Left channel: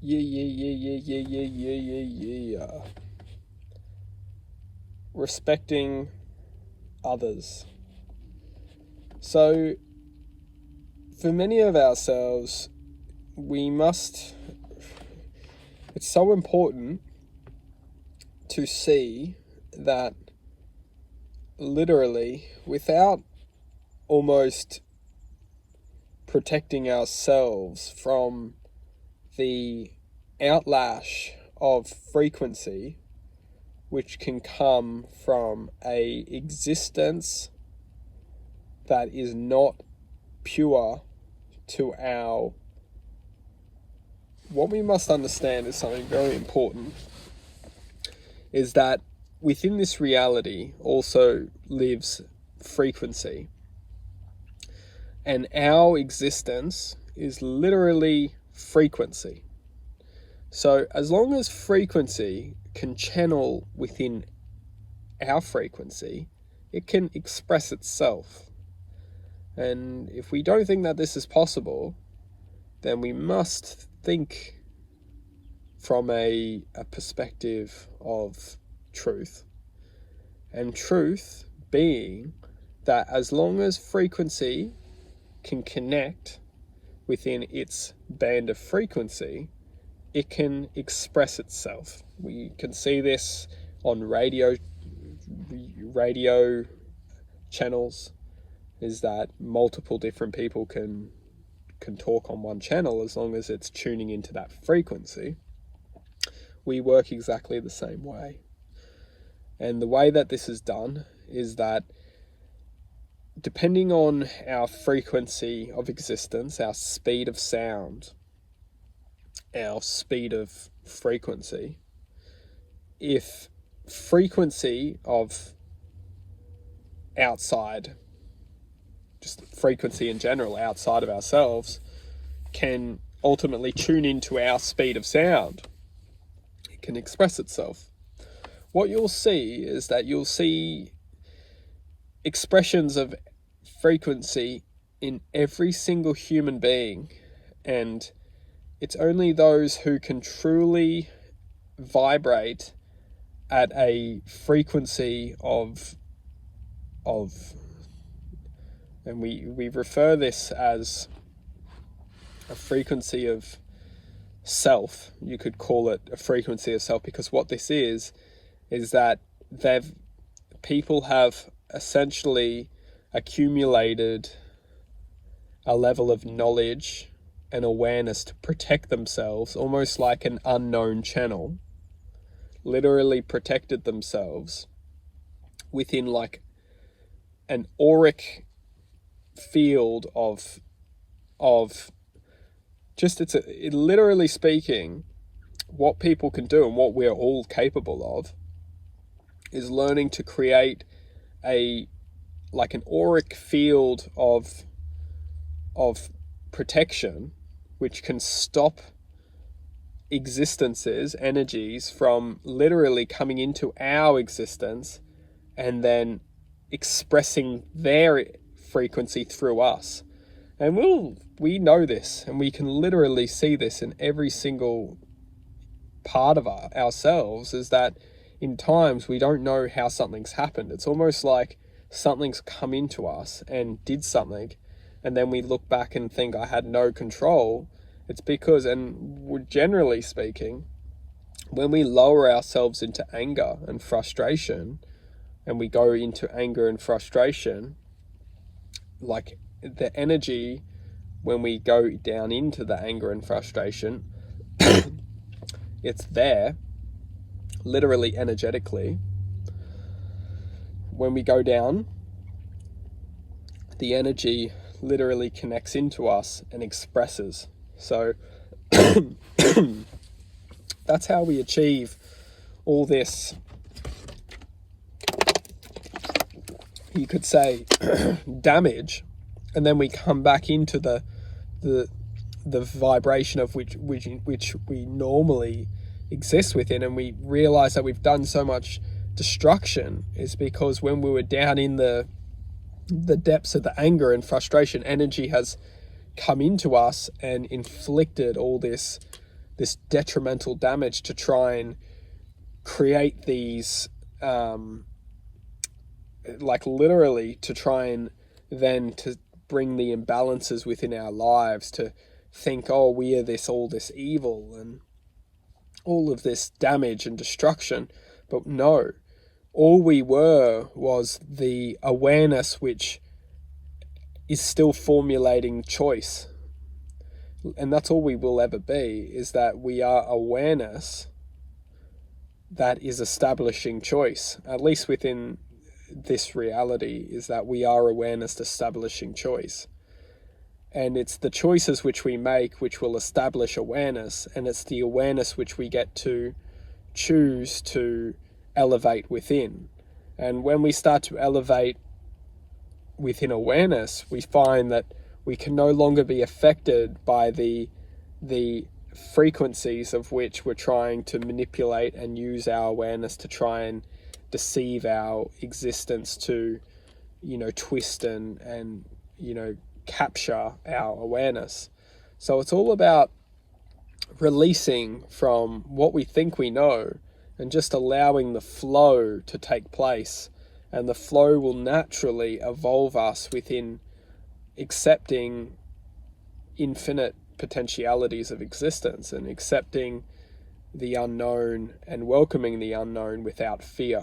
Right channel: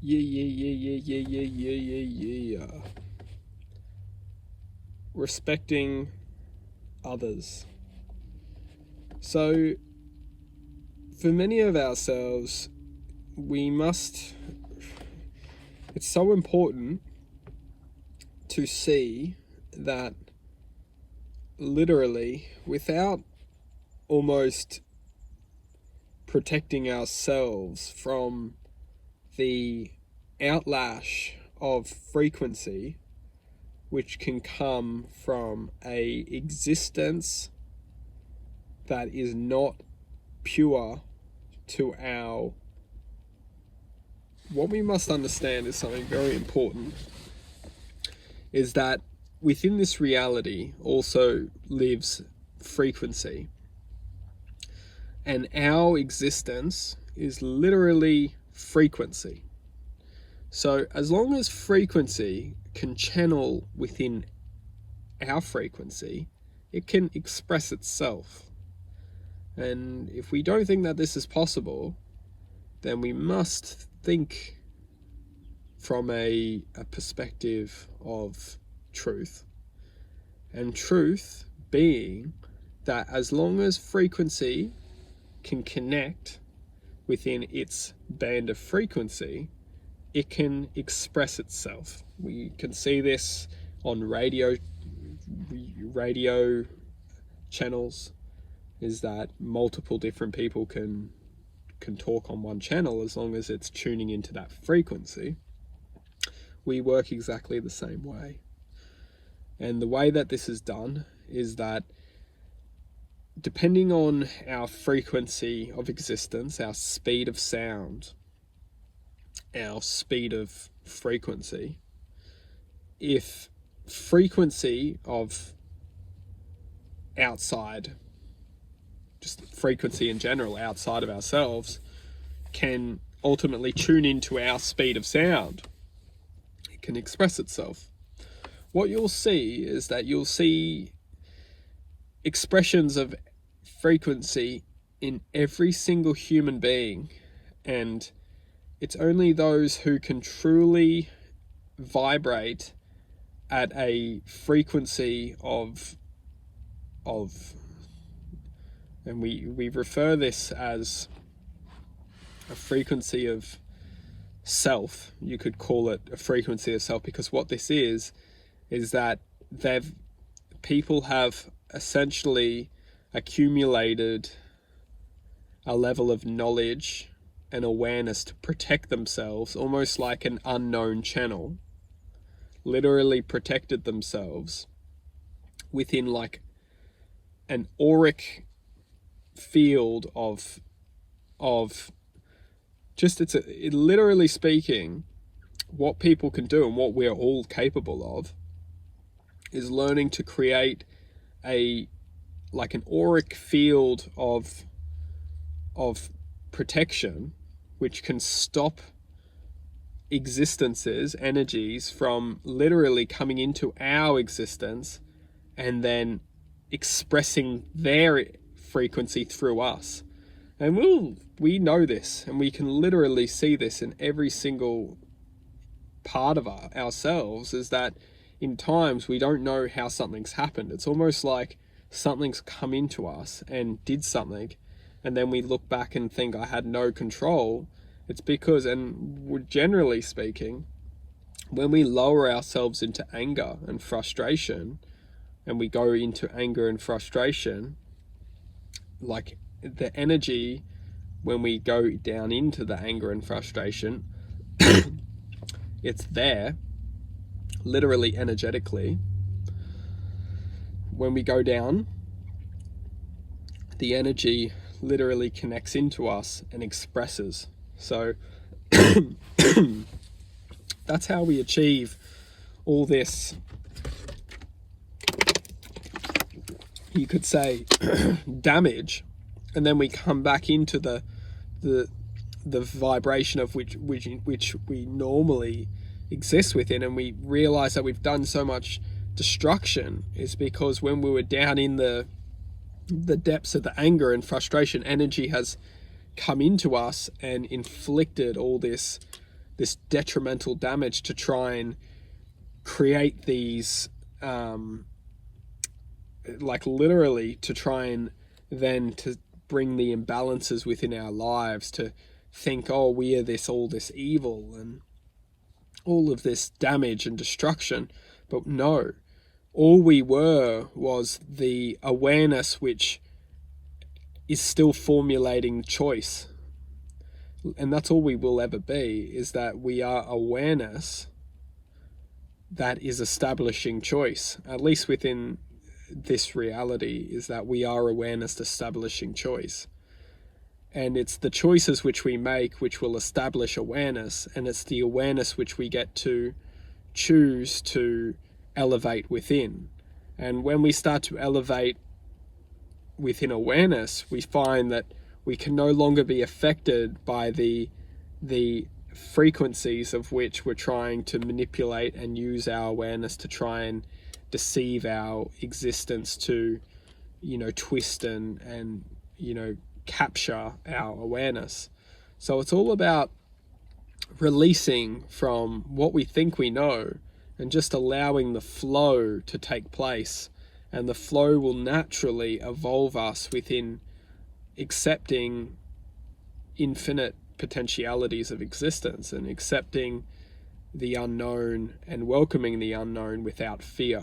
Yeah. Respecting others. So, for many of ourselves, it's so important to see that literally, without almost protecting ourselves from the outlash of frequency which can come from a existence that is not pure to our... What we must understand is something very important, is that within this reality also lives frequency. And our existence is literally frequency. So as long as frequency can channel within our frequency, it can express itself. And if we don't think that this is possible, then we must think from a perspective of truth. And truth being that as long as frequency can connect within its band of frequency, it can express itself. We can see this on radio channels, is that multiple different people can talk on one channel as long as it's tuning into that frequency. We work exactly the same way. And the way that this is done is that depending on our frequency of existence, our speed of sound, our speed of frequency, if frequency of outside, just frequency in general outside of ourselves, can ultimately tune into our speed of sound, it can express itself. What you'll see is that you'll see expressions of frequency in every single human being, and it's only those who can truly vibrate at a frequency of and we refer this as a frequency of self. You could call it a frequency of self, because what this is that people have essentially accumulated a level of knowledge and awareness to protect themselves, almost like an unknown channel, literally protected themselves within like an auric field of just, literally speaking, what people can do and what we're all capable of is learning to create an auric field of protection, which can stop existences, energies from literally coming into our existence and then expressing their frequency through us. And we know this, and we can literally see this in every single part of ourselves, is that in times we don't know how something's happened. It's almost like something's come into us and did something, and then we look back and think, I had no control. It's because, and generally speaking, when we lower ourselves into anger and frustration, and we go into anger and frustration, like the energy, when we go down into the anger and frustration, it's there, literally energetically. When we go down, the energy literally connects into us and expresses. So that's how we achieve all this, you could say, damage, and then we come back into the vibration of which we normally exist within, and we realize that we've done so much destruction is because when we were down in the depths of the anger and frustration, energy has come into us and inflicted all this detrimental damage to try and create these like literally to try and then to bring the imbalances within our lives, to think, oh, we are all this evil and all of this damage and destruction. But no, all we were was the awareness which is still formulating choice. And that's all we will ever be, is that we are awareness that is establishing choice, at least within this reality, is that we are awareness establishing choice. And it's the choices which we make which will establish awareness, and it's the awareness which we get to choose to elevate within. And when we start to elevate within awareness, we find that we can no longer be affected by the frequencies of which we're trying to manipulate and use our awareness to try and deceive our existence, to, twist and capture our awareness. So it's all about releasing from what we think we know and just allowing the flow to take place. And the flow will naturally evolve us within accepting infinite potentialities of existence and accepting the unknown and welcoming the unknown without fear.